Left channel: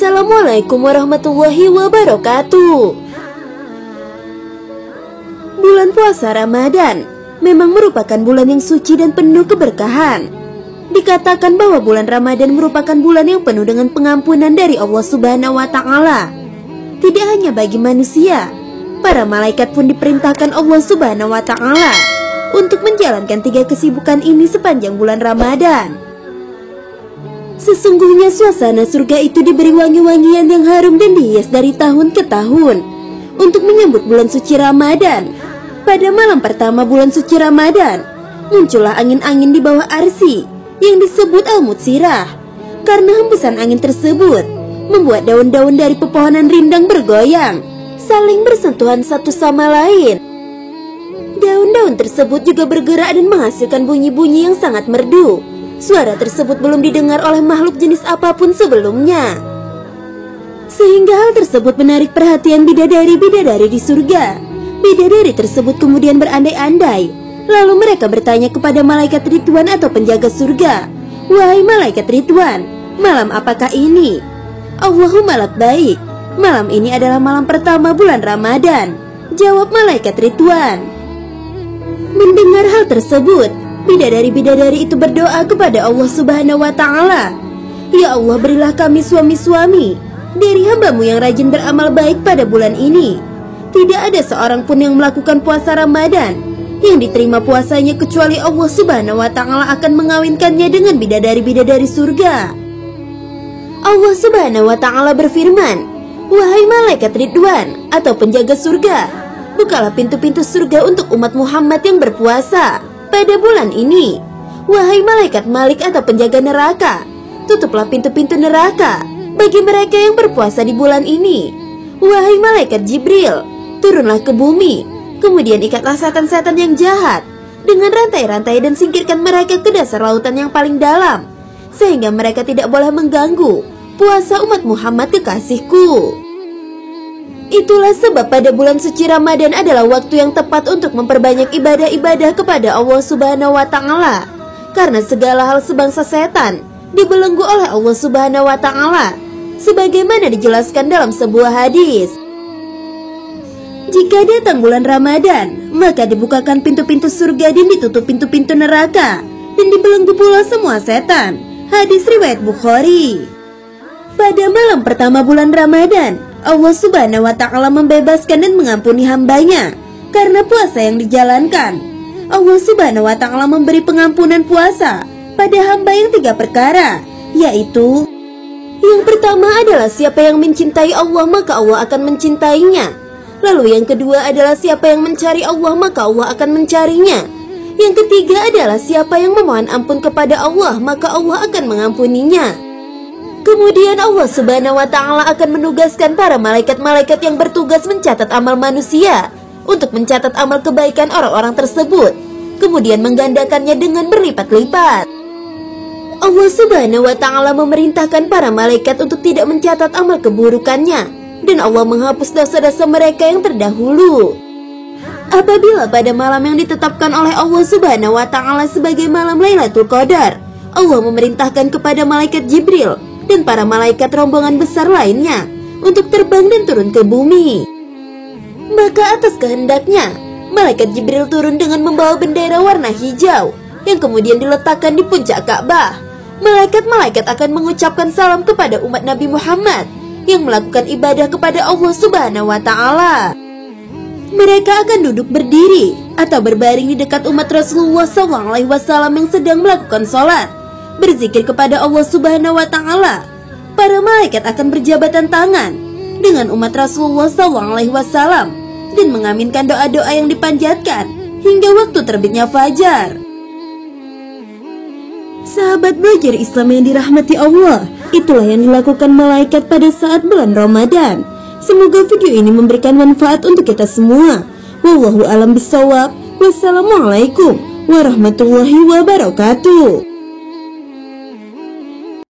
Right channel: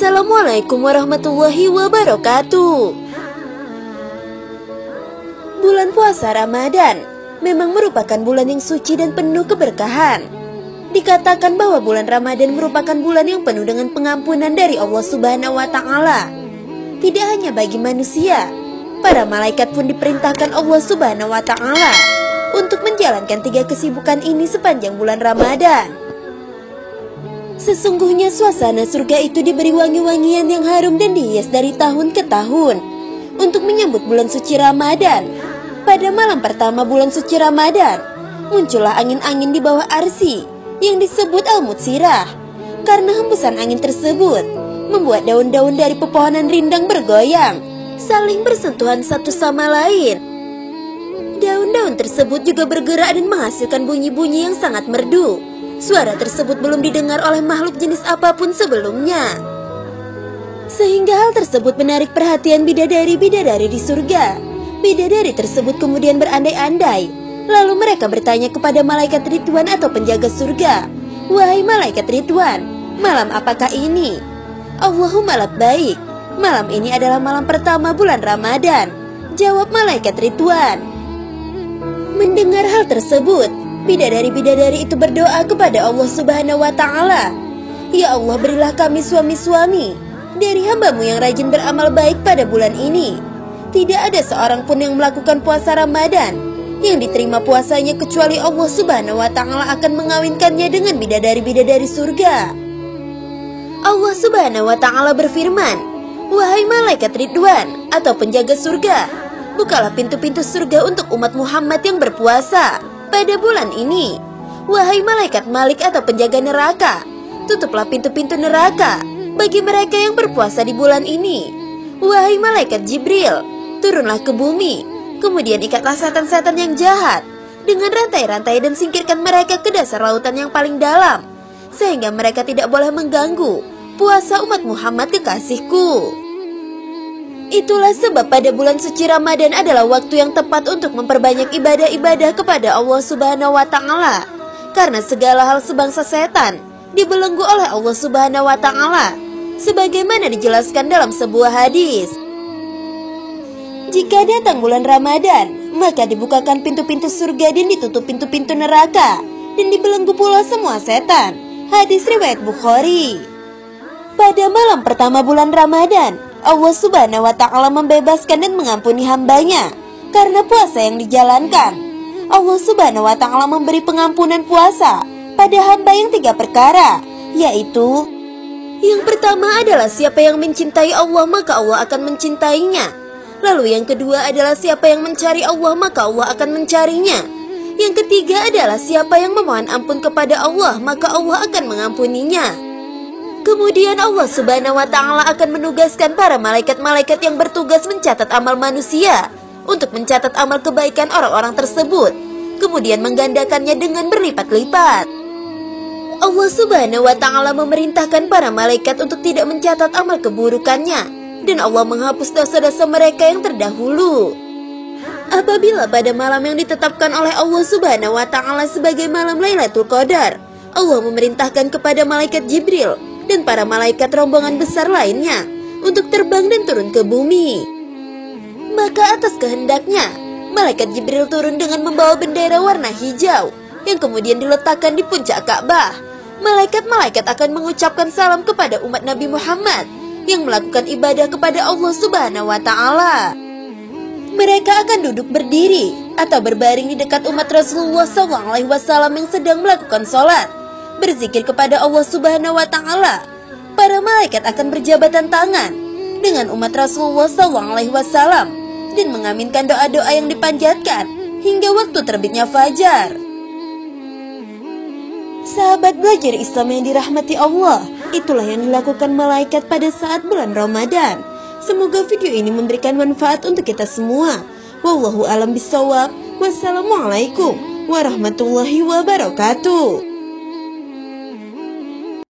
Assalamualaikum warahmatullahi wabarakatuh. Bulan puasa Ramadan memang merupakan bulan yang suci dan penuh keberkahan. Dikatakan bahwa bulan Ramadan merupakan bulan yang penuh dengan pengampunan dari Allah Subhanahu wa Ta'ala. Tidak hanya bagi manusia, para malaikat pun diperintahkan Allah Subhanahu wa Ta'ala untuk menjalankan 3 kesibukan ini sepanjang bulan Ramadan. Sesungguhnya suasana surga itu diberi wangi-wangian yang harum dan dihias dari tahun ke tahun untuk menyambut bulan suci Ramadan. Pada malam pertama bulan suci Ramadan, muncullah angin-angin di bawah arsy yang disebut Al-Mutsirah. Karena hembusan angin tersebut membuat daun-daun dari pepohonan rindang bergoyang, saling bersentuhan satu sama lain. Daun-daun tersebut juga bergerak dan menghasilkan bunyi-bunyi yang sangat merdu. Suara tersebut belum didengar oleh makhluk jenis apapun sebelumnya. Sehingga hal tersebut menarik perhatian bidadari-bidadari di surga. Bidadari tersebut kemudian berandai-andai. Lalu mereka bertanya kepada malaikat Ridwan atau penjaga surga, "Wahai malaikat Ridwan, malam apakah ini?" "Allahumma labbaik, malam ini adalah malam pertama bulan Ramadan," jawab malaikat Ridwan. Mendengar hal tersebut, bidadari-bidadari itu berdoa kepada Allah Subhanahu wa Ta'ala, "Ya Allah, berilah kami suami-suami dari hamba-Mu yang rajin beramal baik pada bulan ini. Tidak ada seorang pun yang melakukan puasa Ramadan yang diterima puasanya kecuali Allah Subhanahu wa Ta'ala akan mengawinkannya dengan bidadari-bidadari surga." Allah Subhanahu wa Ta'ala berfirman, "Wahai malaikat Ridwan atau penjaga surga, bukalah pintu-pintu surga untuk umat Muhammad yang berpuasa pada bulan ini. Wahai malaikat Malik atau penjaga neraka, tutuplah pintu-pintu neraka bagi mereka yang berpuasa di bulan ini. Wahai malaikat Jibril, turunlah ke bumi, kemudian ikatlah setan-setan yang jahat dengan rantai-rantai dan singkirkan mereka ke dasar lautan yang paling dalam, sehingga mereka tidak boleh mengganggu puasa umat Muhammad kekasihku." Itulah sebab pada bulan suci Ramadan adalah waktu yang tepat untuk memperbanyak ibadah-ibadah kepada Allah Subhanahu wa Ta'ala. Karena segala hal sebangsa setan dibelenggu oleh Allah Subhanahu wa Ta'ala, sebagaimana dijelaskan dalam sebuah hadis. Jika datang bulan Ramadan, maka dibukakan pintu-pintu surga dan ditutup pintu-pintu neraka, dan dibelenggu pula semua setan. Hadis riwayat Bukhari. Pada malam pertama bulan Ramadan, Allah Subhanahu wa Ta'ala membebaskan dan mengampuni hambanya karena puasa yang dijalankan. Allah Subhanahu wa Ta'ala memberi pengampunan puasa pada hamba yang 3 perkara, yaitu: yang pertama adalah siapa yang mencintai Allah maka Allah akan mencintainya. Lalu yang kedua adalah siapa yang mencari Allah maka Allah akan mencarinya. Yang ketiga adalah siapa yang memohon ampun kepada Allah maka Allah akan mengampuninya. Kemudian Allah Subhanahu wa Ta'ala akan menugaskan para malaikat-malaikat yang bertugas mencatat amal manusia untuk mencatat amal kebaikan orang-orang tersebut, kemudian menggandakannya dengan berlipat-lipat. Allah Subhanahu wa Ta'ala memerintahkan para malaikat untuk tidak mencatat amal keburukannya, dan Allah menghapus dosa-dosa mereka yang terdahulu. Apabila pada malam yang ditetapkan oleh Allah Subhanahu wa Ta'ala sebagai malam Lailatul Qadar, Allah memerintahkan kepada malaikat Jibril dan para malaikat rombongan besar lainnya untuk terbang dan turun ke bumi. Maka atas kehendaknya, malaikat Jibril turun dengan membawa bendera warna hijau yang kemudian diletakkan di puncak Ka'bah. Malaikat-malaikat akan mengucapkan salam kepada umat Nabi Muhammad yang melakukan ibadah kepada Allah Subhanahu wa Ta'ala. Mereka akan duduk berdiri atau berbaring di dekat umat Rasulullah SAW yang sedang melakukan sholat, berzikir kepada Allah Subhanahu wa Ta'ala. Para malaikat akan berjabatan tangan dengan umat Rasulullah SAW dan mengaminkan doa-doa yang dipanjatkan hingga waktu terbitnya fajar. Sahabat belajar Islam yang dirahmati Allah, itulah yang dilakukan malaikat pada saat bulan Ramadan. Semoga video ini memberikan manfaat untuk kita semua. Wallahu a'lam bishawab. Wassalamualaikum warahmatullahi wabarakatuh.